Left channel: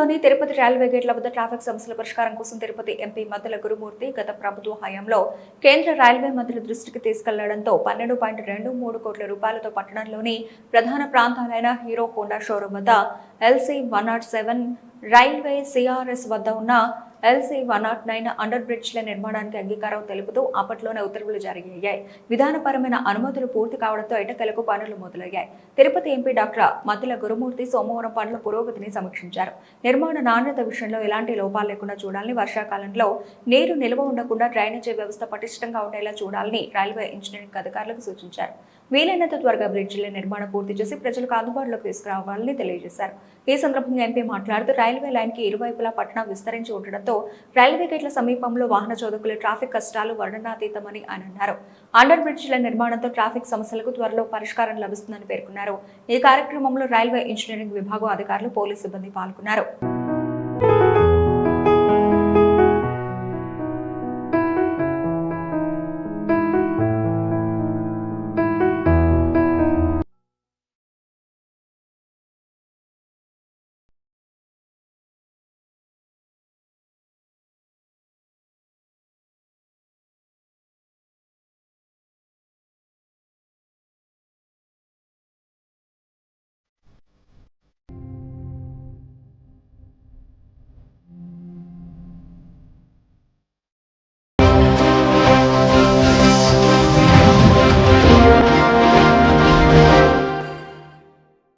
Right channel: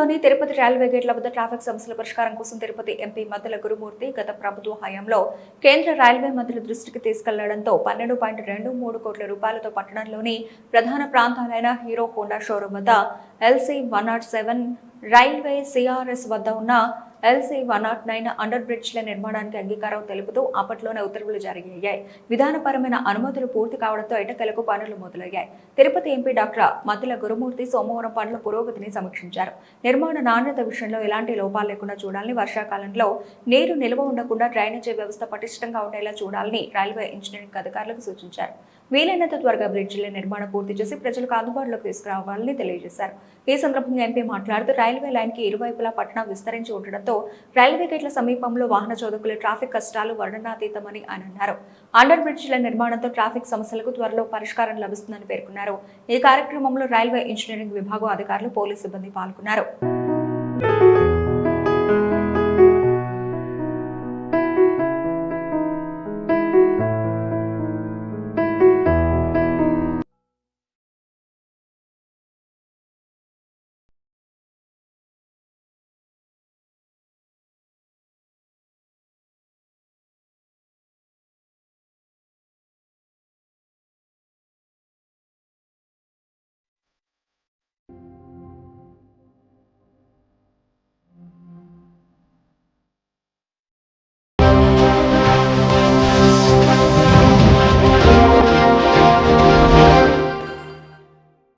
నగరంలోని తిరుపతి రైల్వే గేట్ల వద్ద ట్రాఫిక్ సమస్యల పరిష్కారం కోసం తిరుపతి ఎంపీ మద్దెల గురుమూర్తి గత ప్రభుత్వ హయాంలో కేంద్ర రైల్వే మంత్రుల దృష్టికి తీసుకెళ్లడంతో 12.23 కోట్ల రూపాయలతో పట్టణంలోని ప్రధాన ప్రాంతాలైన హీరో హోండా షోరూం వద్ద LC 107 రైల్వే CRS వద్ద ఉన్న LC 109 అండర్ బ్రిడ్జ్ల నిర్మాణానికి అంగీకారం తెలుపుతూ అప్పట్లోనే ఉత్తర్వులు జారీ అయ్యాయి. విధానపరమైన అనుమతులు పూర్తి కావడంతో ఎట్టకేలకు పనులు మొదలయ్యాయి. తిరుపతి ఎంపీ డాక్టర్ మద్దెల గురుమూర్తి సోమవారం పనుల పురోగతిని సమీక్షించారు. నిర్మాణ నాణ్యత విషయంలో ఎలాంటి లోపాలు లేకుండా చూడాలని, వర్షాకాలంలో నీరు నిల్వ ఉండకుండా డ్రైనేజీ వ్యవస్థ పటిష్టంగా ఉండేలా చూడాలని రైల్వే ఇంజనీరింగ్ అధికారులకు సూచించారు. వీలైనంత త్వరగా బ్రిడ్జిల నిర్మాణం పూర్తి చేసి ప్రజలకు అందుబాటులోకి తీసుకురావాలని తెలియజేశారు. ఈ సందర్భంగా ఎంపీ మాట్లాడుతూ రైల్వే లైన్ కి ఇరువైపులా పట్టణం విస్తరించి ఉండడంతో రైల్వే గేట్ల సమీపంలో వాహన చోదకుల ట్రాఫిక్ కష్టాలు వర్ణనాతీతమని ఆయన అన్నారు. అండర్ బ్రిడ్జిల నిర్మాణంతో ట్రాఫిక్ సమస్యలకు త్వరలో పరిష్కారం లభిస్తుందని పేర్కొన్నారు. ఈ కార్యక్రమంలో రైల్వే ఇంజనీరింగ్ విభాగం అధికారులు, పోలీసు సిబ్బంది పాల్గొన్నారు.